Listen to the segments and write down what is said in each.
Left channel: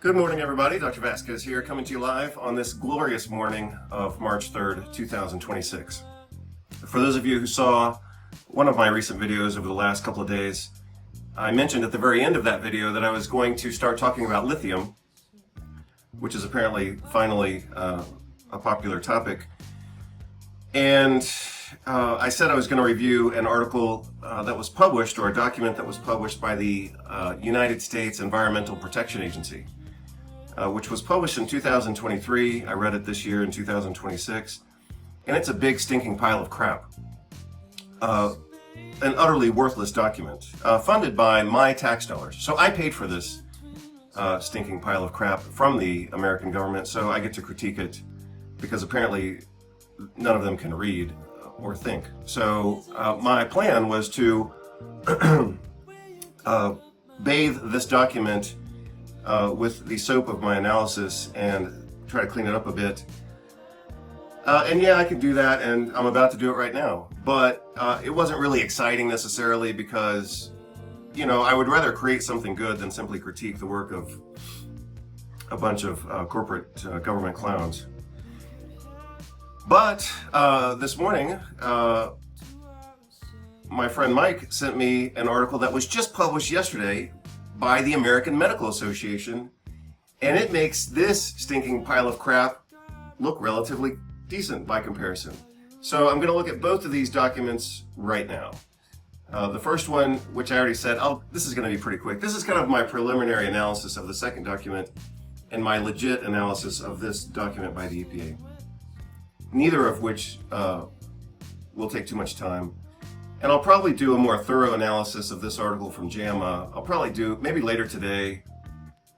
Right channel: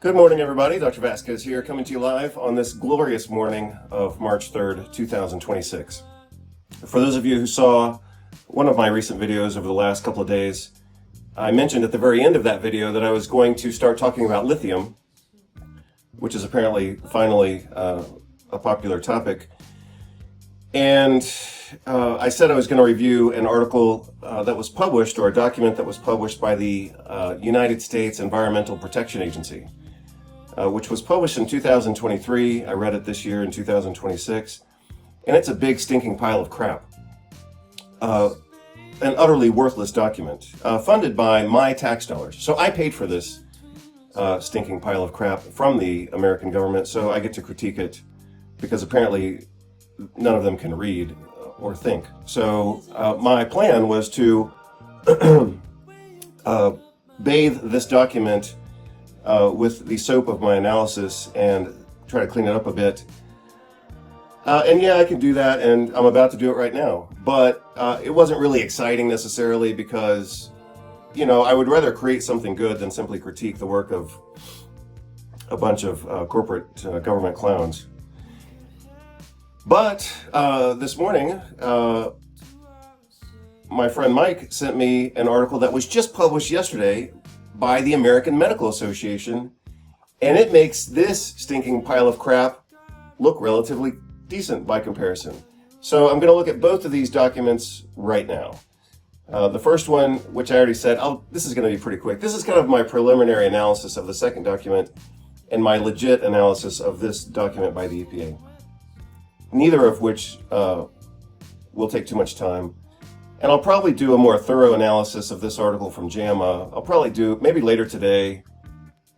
Good morning, everybody. Dr. Vasquez here, coming to you live on this glorious morning of March 3rd, 2026. For those of you who saw one of my recent videos over the last couple of days, I mentioned at the very end of that video that I was going to start talking about lithium, which is apparently finally a popular topic. And I said I was going to review an article that was published, or a document that was published by the United States Environmental Protection Agency, which was published in 2023. I read it this year in 2026, and it's a big stinking pile of crap. An utterly worthless document, funded by my tax dollars. So I paid for this stinking pile of crap from the American government, so I get to critique it because apparently none of them can read or think. So my plan was to bathe this document with the soap of my analysis and try to clean it up a bit. And yeah, I can do that, and I'm about to do it right now. But it wasn't really exciting necessarily because, you know, I would rather create something good than simply critique the work of a bunch of corporate government clowns. But this morning, my friend Mike sent me an article that was just published yesterday by the American Medical Association, and it makes this stinking pile of crap look relatively decent by comparison. So I'm going to look at both of these documents right now. The first one, which I already said, this is going to be pretty quick. This is kind of my preliminary analysis of the second document and my legit analysis of this document by the EPA. Neither of which will take too much time. And I'll probably do a more thorough analysis of this article from JAMA. I'll probably do maybe later today,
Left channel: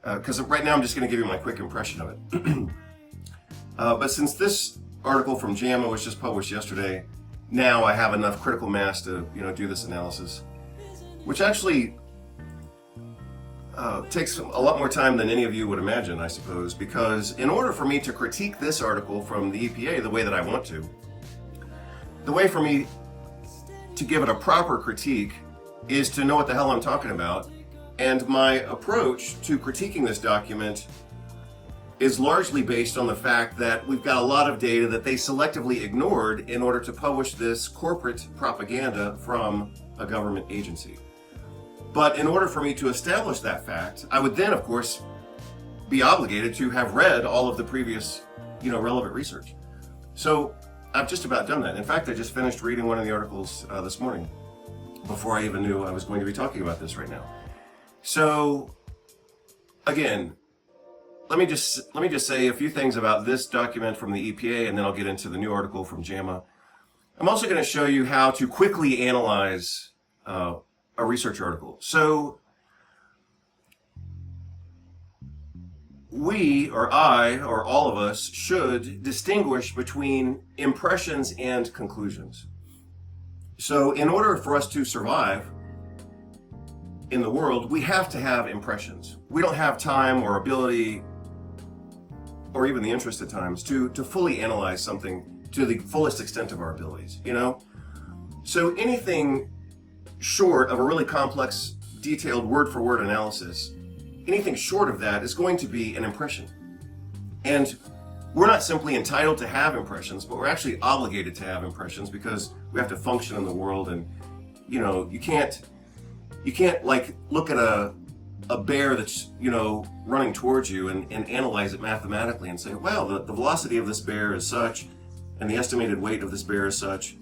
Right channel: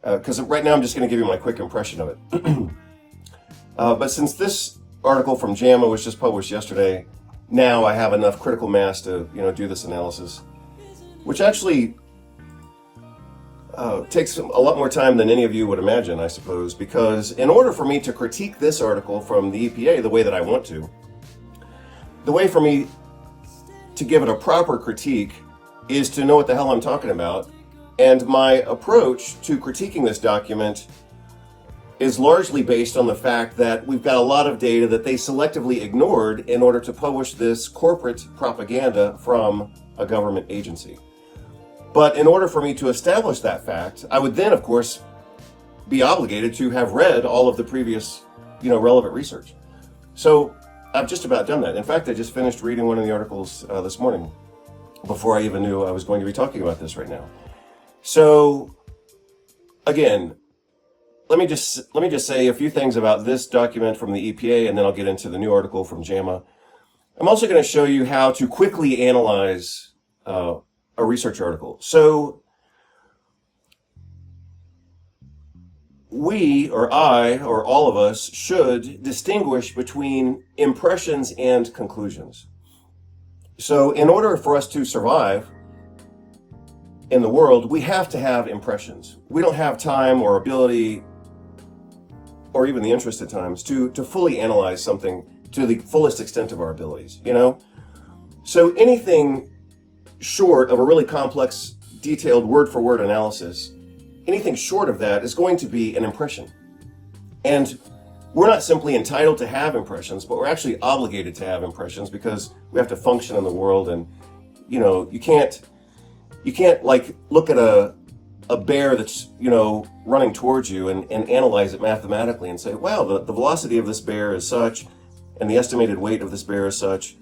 because right now I'm just going to give you my quick impression of it. But since this article from JAMA was just published yesterday, now I have enough critical mass to do this analysis, which actually takes a lot more time than any of you would imagine, I suppose, because in order for me to critique this article from the EPA the way that I want to, the way for me to give it a proper critique is to know what the hell I'm talking about. And my approach to critiquing this document is largely based on the fact that we've got a lot of data that they selectively ignored in order to publish this corporate propaganda from a government agency. But in order for me to establish that fact, I would then, of course, be obligated to have read all of the previous, relevant research. So I've just about done that. In fact, I just finished reading one of the articles this morning before I even knew I was going to be talking about this right now. So again, let me just say a few things about this document from the EPA, and then I'll get into the new article from JAMA. I'm also going to show you how to quickly analyze a research article. So we, or I, or all of us, should distinguish between impressions and conclusions. So in order for us to survive in the world, we have to have impressions. We don't have time or ability, or even the interest at times, to fully analyze something to the fullest extent of our abilities, So anything short of a really complex, detailed word-for-word analysis, anything short of that is going to be an impression. And we're not simply entitled to have impressions, but we're actually obligated to have impressions because we have to function in the world. And, you can't like look at a bear that's, running towards you and analyze it mathematically and say, wow, the velocity of this bear is such, and the estimated weight of this bear is such,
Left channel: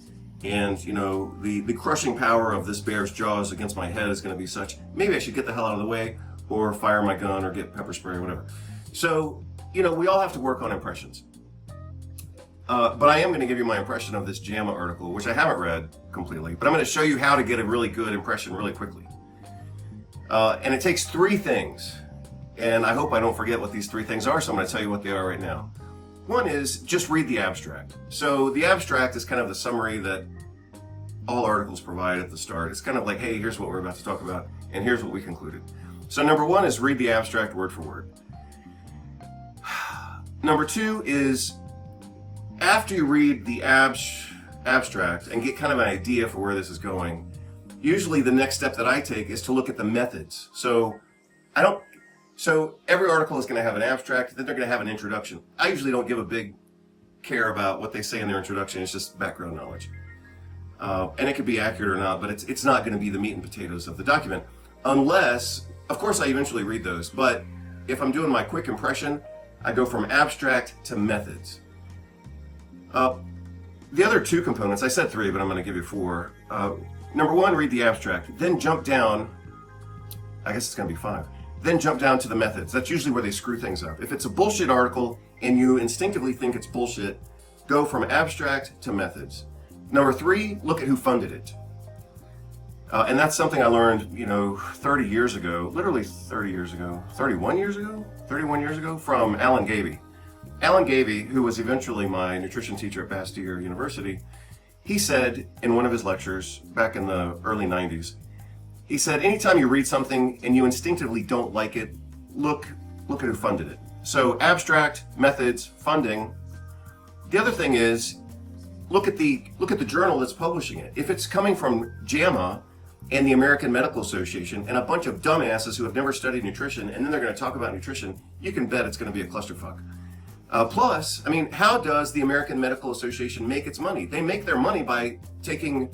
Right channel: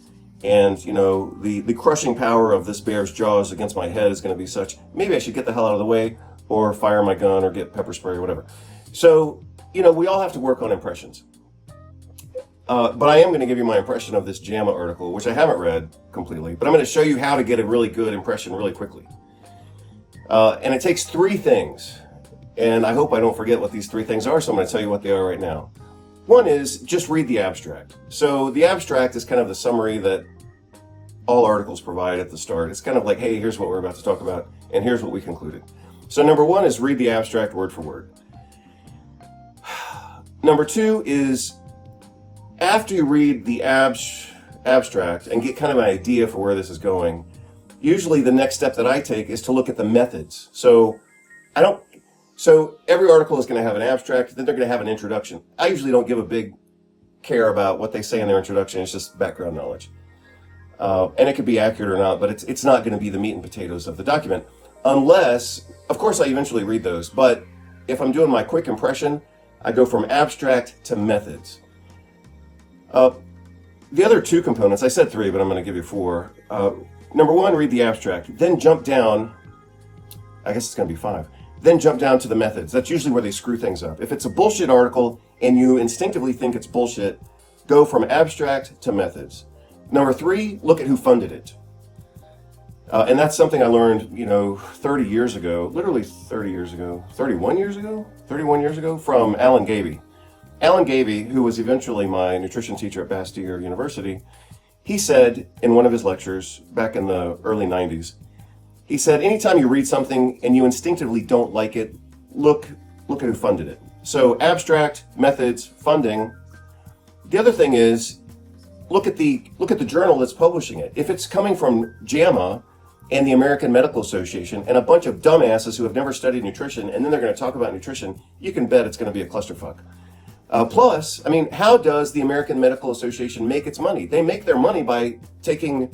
and, the crushing power of this bear's jaws against my head is going to be such. Maybe I should get the hell out of the way, or fire my gun, or get pepper spray, or whatever. So, we all have to work on impressions. But I am going to give you my impression of this JAMA article, which I haven't read completely, but I'm going to show you how to get a really good impression really quickly. And it takes three things, and I hope I don't forget what these three things are, so I'm going to tell you what they are right now. One is just read the abstract. So the abstract is kind of the summary that all articles provide at the start. It's kind of like, hey, here's what we're about to talk about, and here's what we concluded. So number one is read the abstract word for word. Number two is, after you read the abstract and get kind of an idea for where this is going, usually the next step that I take is to look at the methods. So So every article is going to have an abstract, then they're going to have an introduction. I usually don't give a big care about what they say in their introduction. It's just background knowledge. And it could be accurate or not, but it's not going to be the meat and potatoes of the document. Unless, of course, I eventually read those. But if I'm doing my quick impression, I go from abstract to methods. The other two components, I said three, but I'm going to give you four. Number one, read the abstract. Then jump down. I guess it's going to be five. Then jump down to the methods. That's usually where they screw things up. If it's a bullshit article and you instinctively think it's bullshit, go from abstract to methods. Number three, look at who funded it. And that's something I learned, 30 years ago, literally 30 years ago, 31 years ago, from Alan Gaby. Alan Gaby, who was eventually my nutrition teacher at Bastyr University, he said in one of his lectures back in the early 90s, he said, anytime you read something and you instinctively don't like it, look at who funded it. So abstract, methods, funding. The other thing is, look at the journal that's publishing it. If it's coming from JAMA and the American Medical Association and a bunch of dumbasses who have never studied nutrition, and then they're going to talk about nutrition, you can bet it's going to be a clusterfuck. Plus, how does the American Medical Association make its money? They make their money by taking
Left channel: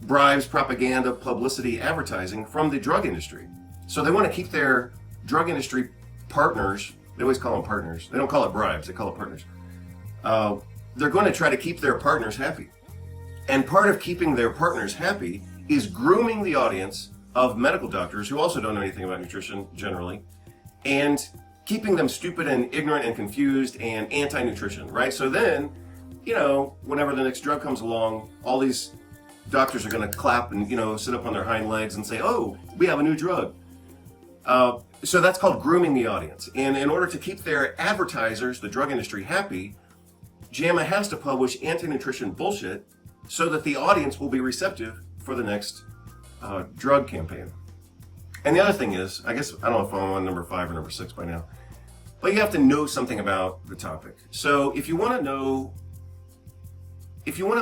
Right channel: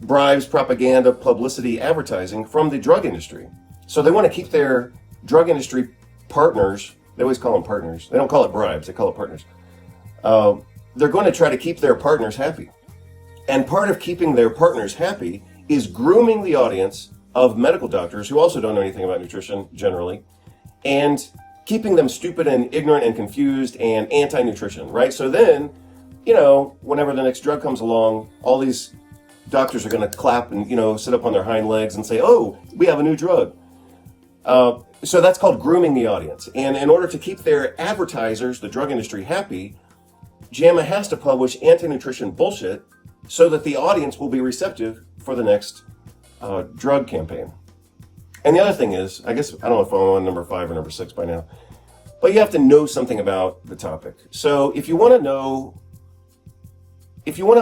bribes, propaganda, publicity, advertising from the drug industry. So they want to keep their drug industry partners, they always call them partners. They don't call it bribes, they call it partners. They're going to try to keep their partners happy. And part of keeping their partners happy is grooming the audience of medical doctors who also don't know anything about nutrition generally, and keeping them stupid and ignorant and confused and anti-nutrition, right? So then, whenever the next drug comes along, all these doctors are going to clap and, sit up on their hind legs and say, oh, we have a new drug. So that's called grooming the audience. And in order to keep their advertisers, the drug industry, happy, JAMA has to publish anti-nutrition bullshit so that the audience will be receptive for the next drug campaign. And the other thing is, I don't know if I'm on number 5 or number 6 by now, but you have to know something about the topic. So if you want to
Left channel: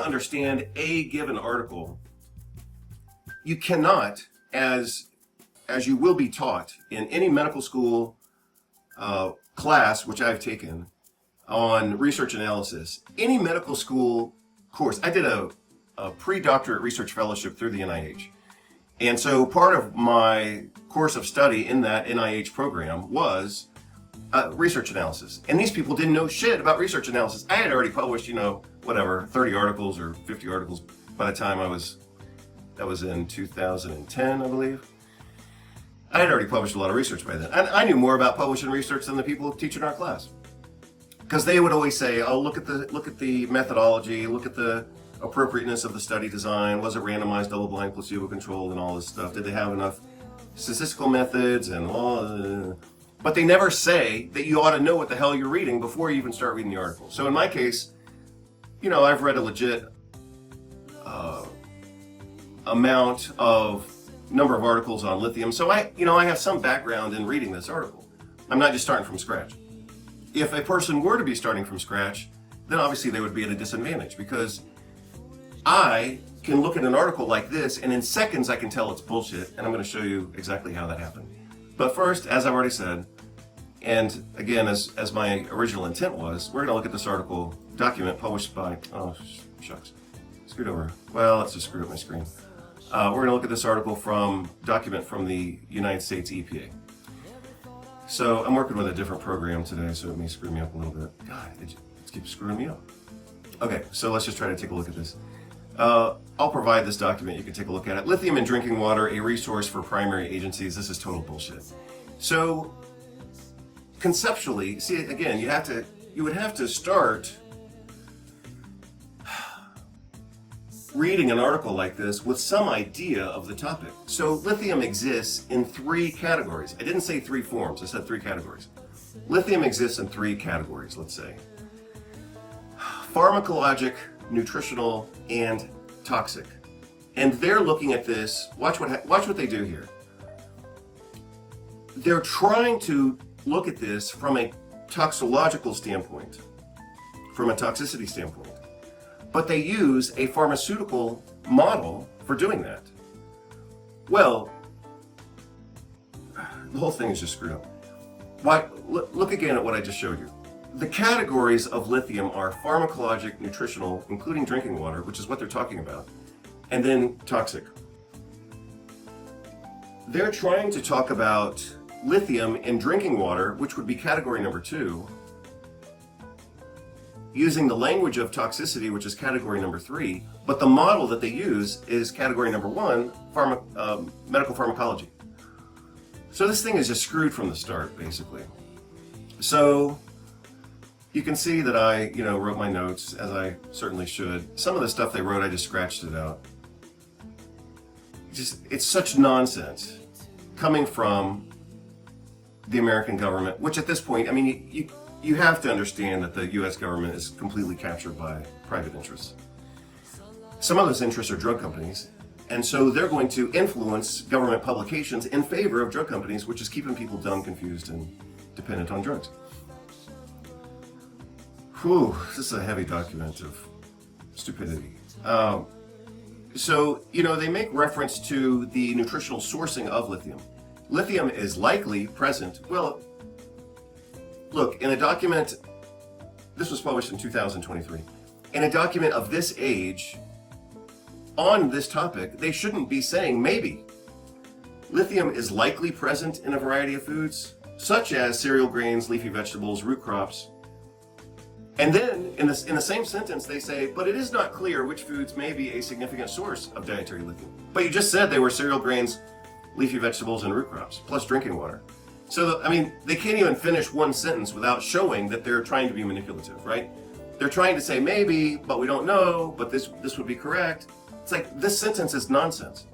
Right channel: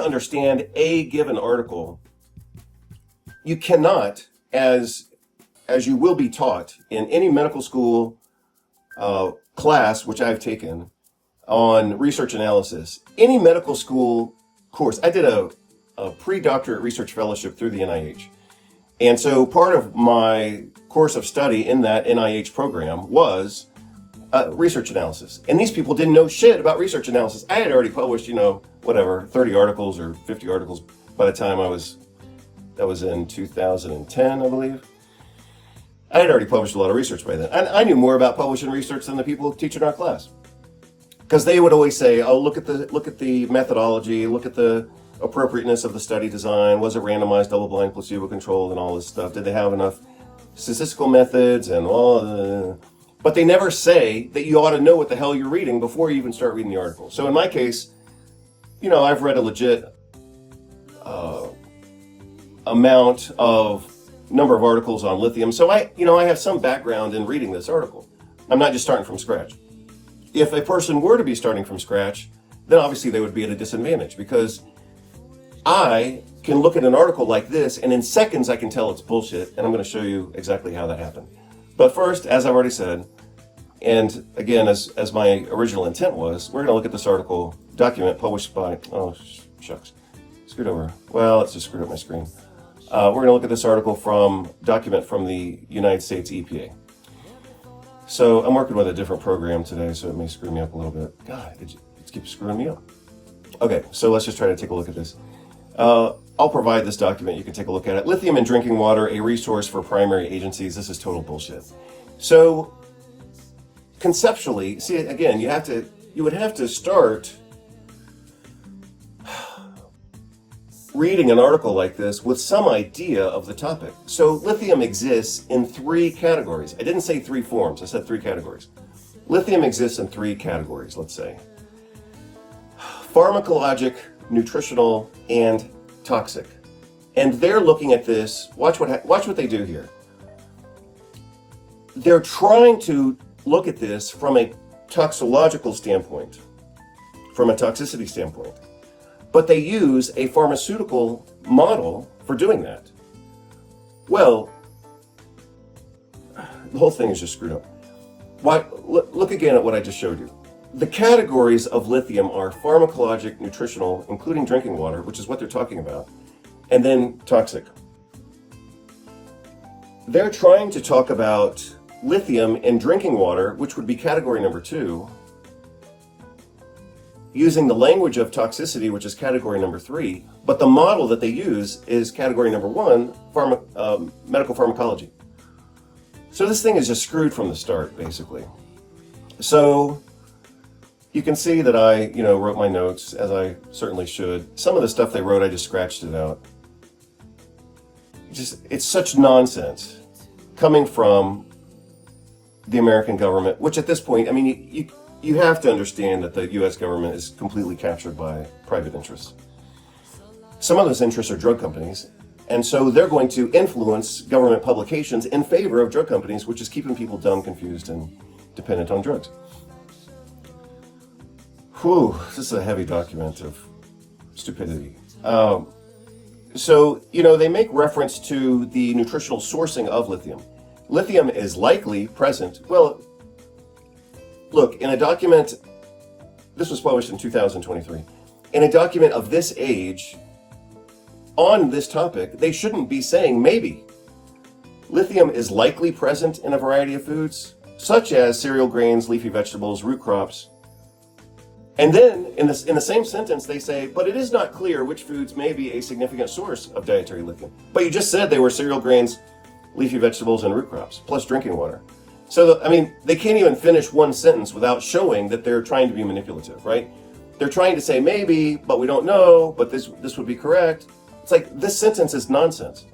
understand a given article, you cannot, as you will be taught in any medical school class, which I've taken on research analysis, any medical school course. I did a pre-doctorate research fellowship through the NIH. And so part of my course of study in that NIH program was research analysis. And these people didn't know shit about research analysis. I had already published, 30 articles or 50 articles by the time that was in 2010, I believe. I had already published a lot of research by then. And I knew more about publishing research than the people who teach in our class. Because they would always say, oh, look at the methodology, look at the appropriateness of the study design, was it randomized, double-blind, placebo-controlled, and all this stuff? Did they have enough statistical methods and all? But they never say that you ought to know what the hell you're reading before you even start reading the article. So in my case, I've read a legit amount of number of articles on lithium. So I have some background in reading this article. I'm not just starting from scratch. If a person were to be starting from scratch, then obviously they would be at a disadvantage, because I can look at an article like this and in seconds I can tell it's bullshit, and I'm going to show you exactly how that happened. But first, as I've already said, and again, as my original intent was, we're going to look at this article, document published by, shucks, screwed over. Well, let's just screw up my screen. We're going to look at this article from document from the United States EPA. So I'm working with a different program today, so it may screw me up a little bit. God, it keeps screwing me up. Okay, so let's just try to take a look at this. I'll provide this document. You can take a look at it. Lithium in drinking water, a resource for primary agencies. This is total bullshit. So conceptually, see, again, you would have to start reading an article like this with some idea of the topic. So lithium exists in 3 categories. I didn't say 3 forms, I said 3 categories. Lithium exists in 3 categories, let's say. Pharmacologic, nutritional, and toxic. And they're looking at this, watch what they do here. They're trying to look at this from a toxicological standpoint, from a toxicity standpoint. But they use a pharmaceutical model for doing that. Well, the whole thing is just screwed up. Why? Look again at what I just showed you. The categories of lithium are pharmacologic, nutritional, including drinking water, which is what they're talking about, and then toxic. They're trying to talk about lithium in drinking water, which would be category number 2, using the language of toxicity, which is category number 3, but the model that they use is category number 1, medical pharmacology. So this thing is just screwed from the start, basically. So you can see that I, wrote my notes, as I certainly should. Some of the stuff they wrote, I just scratched it out. It's such nonsense coming from the American government, which at this point, I mean, you have to understand that the U.S. government is completely captured by private interests. Some of those interests are drug companies, and so they're going to influence government publications in favor of drug companies, which is keeping people dumb, confused, and dependent on drugs. Whew, this is a heavy document of stupidity. So, they make reference to the nutritional sourcing of lithium. Lithium is likely present. Well, look, in a document, this was published in 2023, in a document of this age on this topic, they shouldn't be saying maybe. Lithium is likely present in a variety of foods, such as cereal grains, leafy vegetables, root crops. And then, in the same sentence, they say, but it is not clear which foods may be a significant source of dietary lithium. But you just said they were cereal grains, leafy vegetables, and root crops, plus drinking water. So, they can't even finish one sentence without showing that they're trying to be manipulative, right? They're trying to say maybe, but we don't know, but this would be correct. It's like, this sentence is nonsense.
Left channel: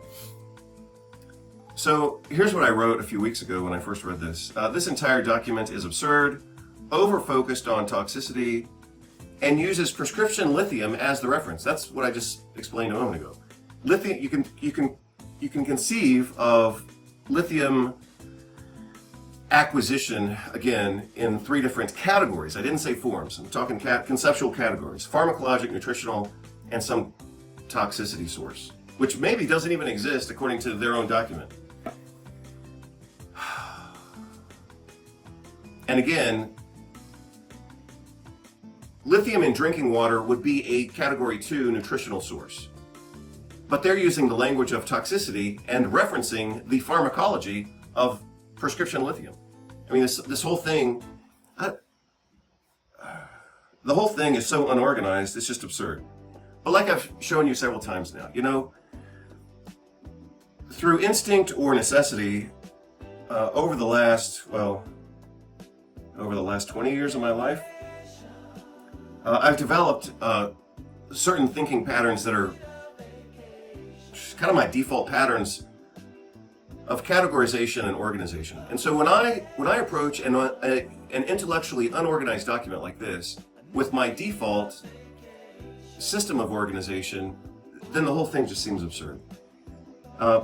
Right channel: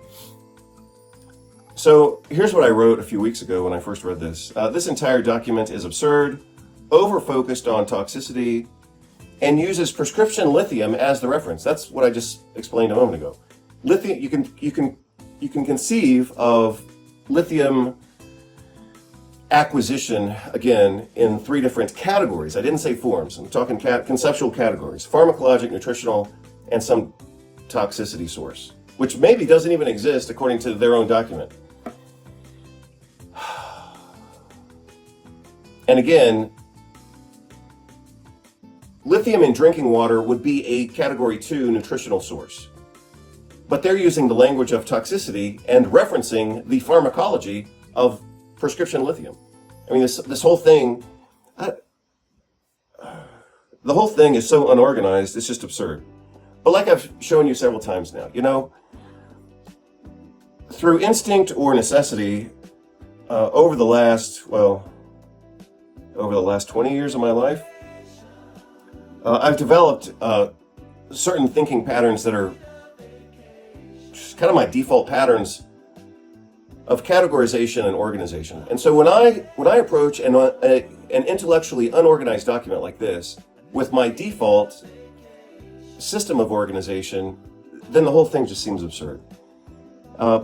So, here's what I wrote a few weeks ago when I first read this. This entire document is absurd, over-focused on toxicity, and uses prescription lithium as the reference. That's what I just explained a moment ago. Lithium, you can conceive of lithium acquisition, again, in 3 different categories. I didn't say forms. I'm talking conceptual categories: pharmacologic, nutritional, and some toxicity source, which maybe doesn't even exist according to their own document. And again, lithium in drinking water would be a category 2 nutritional source. But they're using the language of toxicity and referencing the pharmacology of prescription lithium. This whole thing, the whole thing is so unorganized, it's just absurd. But like I've shown you several times now, through instinct or necessity, over the last 20 years of my life, I've developed certain thinking patterns that are kind of my default patterns of categorization and organization. And so when I approach an intellectually unorganized document like this with my default system of organization, then the whole thing just seems absurd.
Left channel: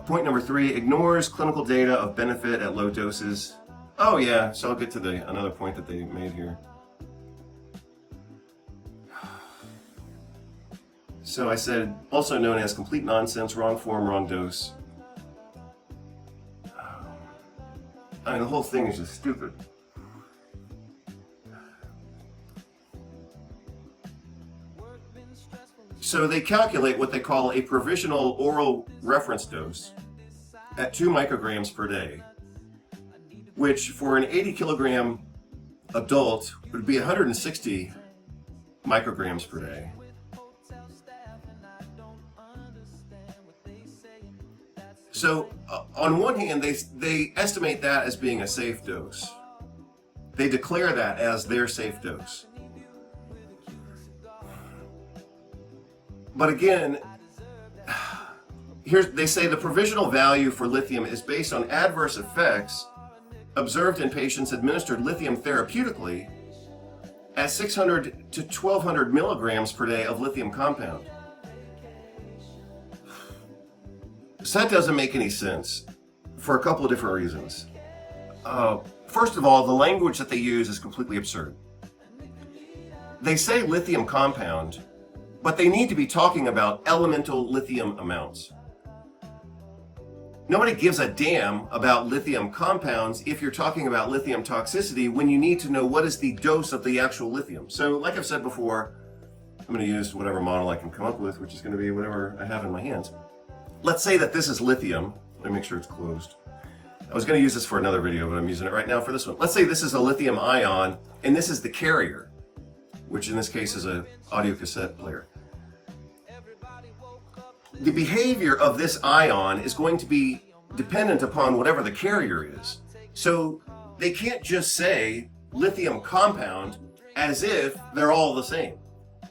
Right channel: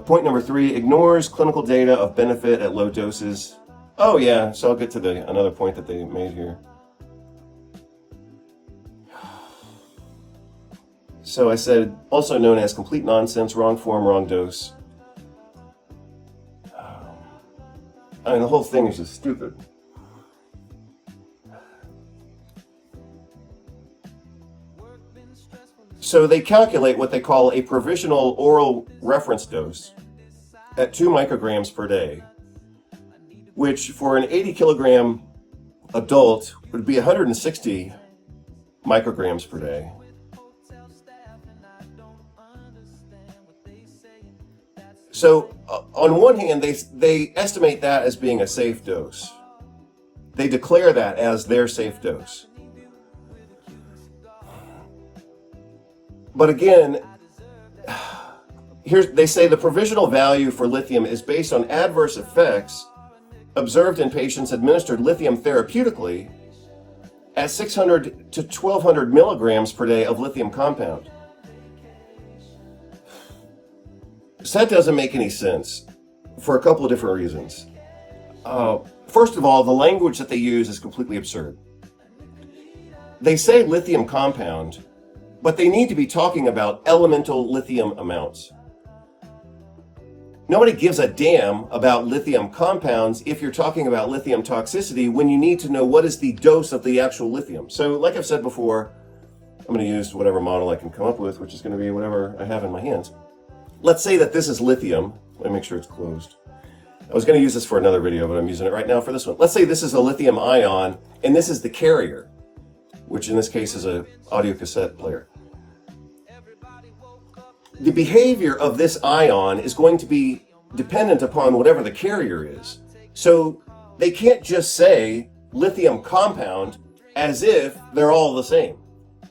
Point number 3, ignores clinical data of benefit at low doses. Oh yeah, so I'll get to another point that they made here. So I said, also known as complete nonsense, wrong form, wrong dose. The whole thing is just stupid. So they calculate what they call a provisional oral reference dose at 2 micrograms per day, which for an 80 kilogram adult would be 160 micrograms per day. So on one hand, they estimate that as being a safe dose. They declare that as their safe dose. But again, they say the provisional value for lithium is based on adverse effects observed in patients administered lithium therapeutically at 600 to 1200 milligrams per day of lithium compound. So that doesn't make any sense for a couple of different reasons. First of all, the language that they use is completely absurd. They say lithium compound, but they need to be talking about elemental lithium amounts. Nobody gives a damn about lithium compounds if you're talking about lithium toxicity when you need to know what is the dose of the actual lithium. So like I've said before, I'm going to use whatever model I can come up with, which is going to be whatever I have in my hands. Let's say that this is lithium. Let me make sure it's closed. I was going to use this for another video, but I'm using it right now for this one. Let's say this is a lithium ion, and this is the carrier, which in this case is an audio cassette player. The behavior of this ion is going to be dependent upon whatever the carrier is. So they can't just say lithium compound as if they're all the same.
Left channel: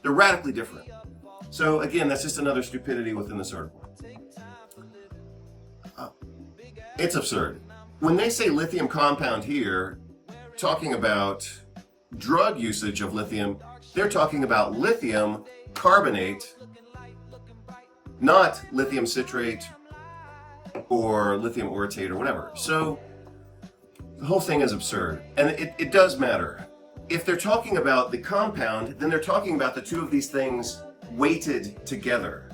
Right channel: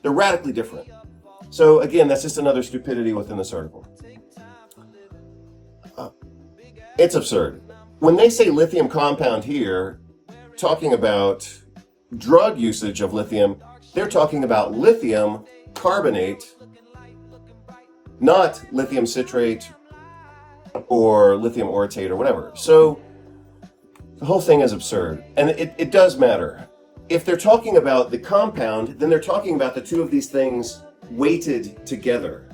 They're radically different. So again, that's just another stupidity within this article. It's absurd. When they say lithium compound here, talking about drug usage of lithium, they're talking about lithium carbonate, not lithium citrate or lithium orotate or whatever. So the whole thing is absurd. And it does matter. If they're talking about the compound, then they're talking about the two of these things weighted together.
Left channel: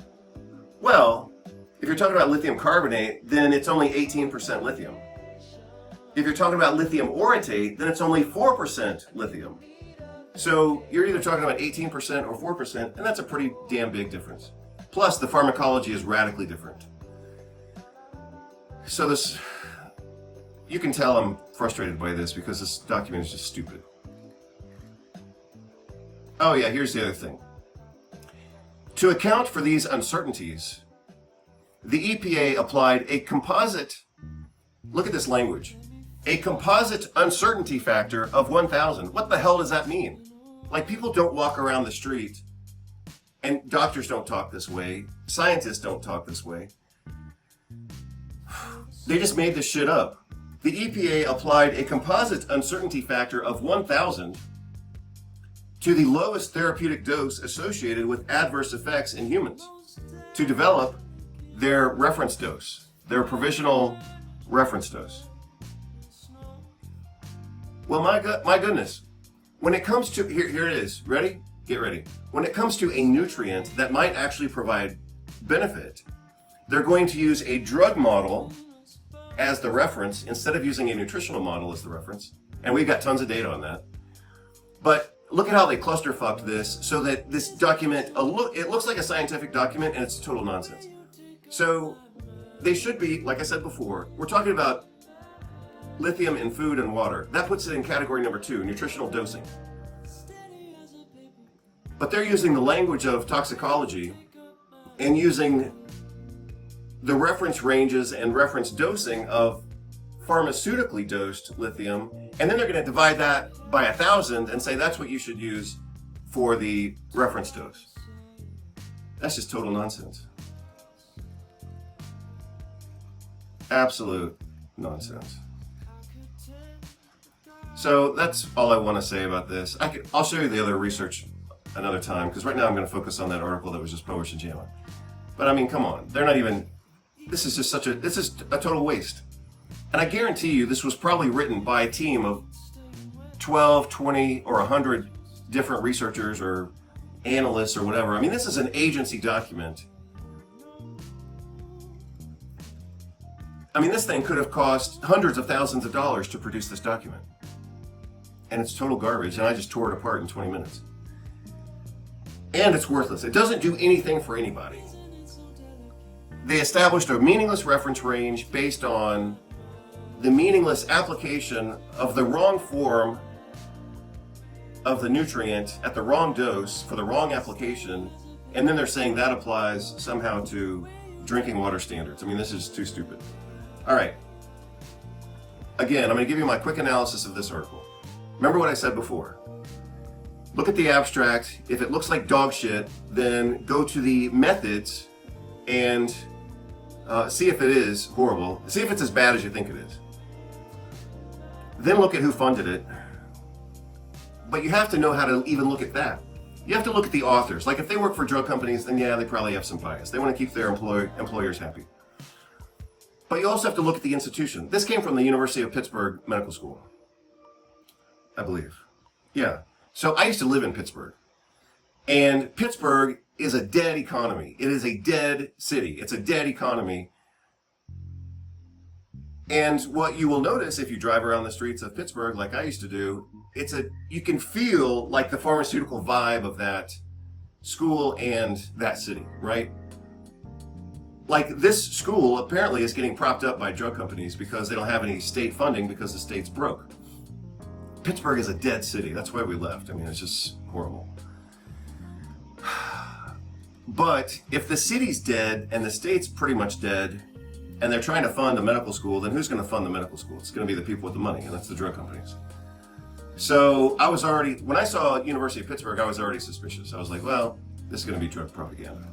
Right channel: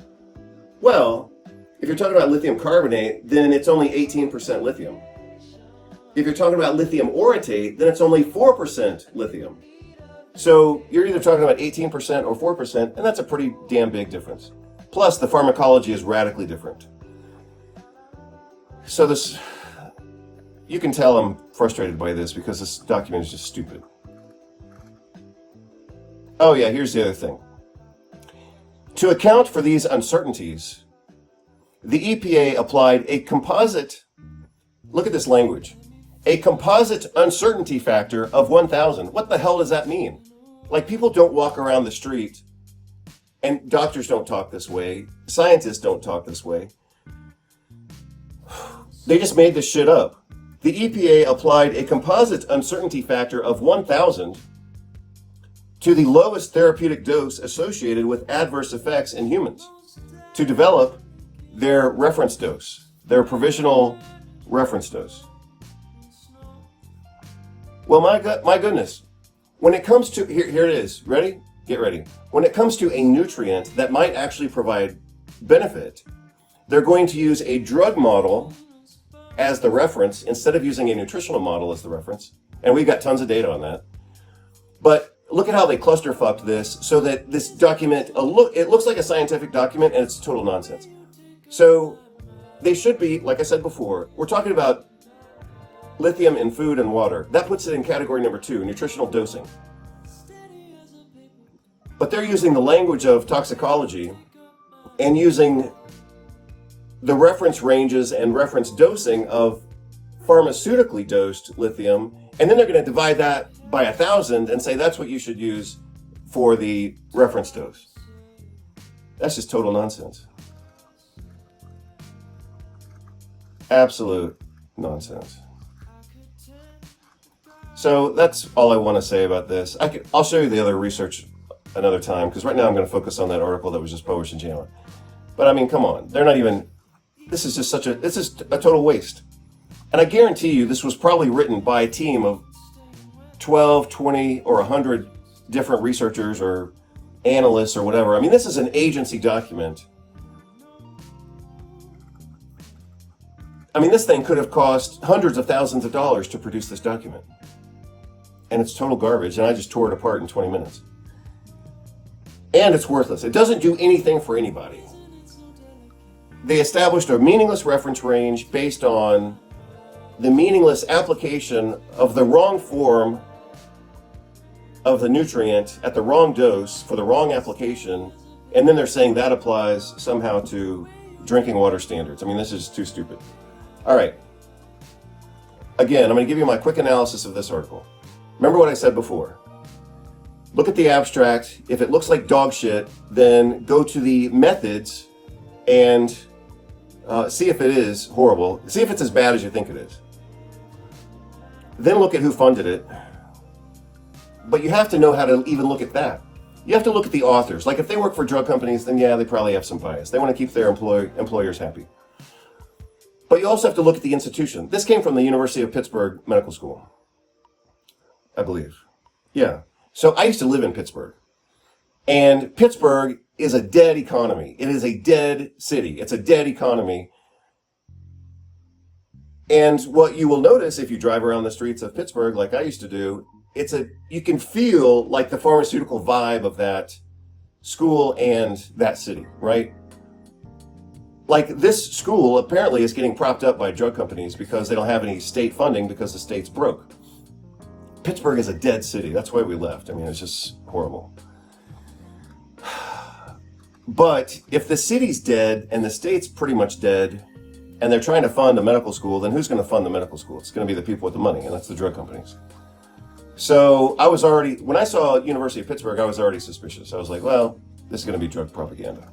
Well, if you're talking about lithium carbonate, then it's only 18% lithium. If you're talking about lithium orotate, then it's only 4% lithium. So you're either talking about 18% or 4%, and that's a pretty damn big difference. Plus, the pharmacology is radically different. So this, you can tell I'm frustrated by this because this document is just stupid. Oh yeah, here's the other thing. To account for these uncertainties, the EPA applied a composite, look at this language, a composite uncertainty factor of 1,000. What the hell does that mean? Like, people don't walk around the street, and doctors don't talk this way, scientists don't talk this way. They just made this shit up. The EPA applied a composite uncertainty factor of 1,000 to the lowest therapeutic dose associated with adverse effects in humans to develop their reference dose, their provisional reference dose. Well, my goodness, when it comes to, here it is, ready? Get ready. When it comes to a nutrient that might actually provide benefit, they're going to use a drug model as the reference instead of using a nutritional model as the reference. And we've got tons of data on that. But look at how they clusterfucked this so that this document, it looks like a scientific document and it's total nonsense. So they should be, like I said before, we're talking about lithium in food and water. That puts it in category number 2, nutritional dosing. But they're using the language of toxicology and using the reference ranges and reference dosing of pharmaceutically dosed lithium, and then they're going to divide that by 1,000 and say that's what you should use for the reference dose. That's just total nonsense. Absolute nonsense. So that's all I want to say about this. I'll show you the other research another time, because right now I'm going to focus on that article that was just published in JAMA. But I mean, come on, they're not even, this is a total waste. And I guarantee you this was probably written by a team of 12, 20, or 100 different researchers or analysts or whatever. I mean, this is an agency document. I mean, this thing could have cost hundreds of thousands of dollars to produce this document. And it's total garbage, and I just tore it apart in 20 minutes. And it's worthless. It doesn't do anything for anybody. They established a meaningless reference range based on the meaningless application of the wrong form of the nutrient at the wrong dose for the wrong application, and then they're saying that applies somehow to drinking water standards. I mean, this is too stupid. All right. Again, I'm going to give you my quick analysis of this article. Remember what I said before. Look at the abstract. If it looks like dog shit, then go to the methods and see if it is horrible. See if it's as bad as you think it is. Then look at who funded it. But you have to know how to even look at that. You have to look at the authors. Like, if they work for drug companies, then yeah, they probably have some bias. They want to keep their employers happy. But you also have to look at the institution. This came from the University of Pittsburgh Medical School, I believe. Yeah. So I used to live in Pittsburgh. And Pittsburgh is a dead economy. It is a dead city. It's a dead economy. And what you will notice if you drive around the streets of Pittsburgh, like I used to do, you can feel like the pharmaceutical vibe of that school and that city, right? Like this school apparently is getting propped up by drug companies because they don't have any state funding because the state's broke. Pittsburgh is a dead city. That's why we left. I mean, it's just horrible. But if the city's dead and the state's pretty much dead, and they're trying to fund a medical school, then who's going to fund the medical school? It's going to be the people with the money, and that's the drug companies. So when I saw University of Pittsburgh, I was already suspicious. I was like, well, this is going to be drug propaganda.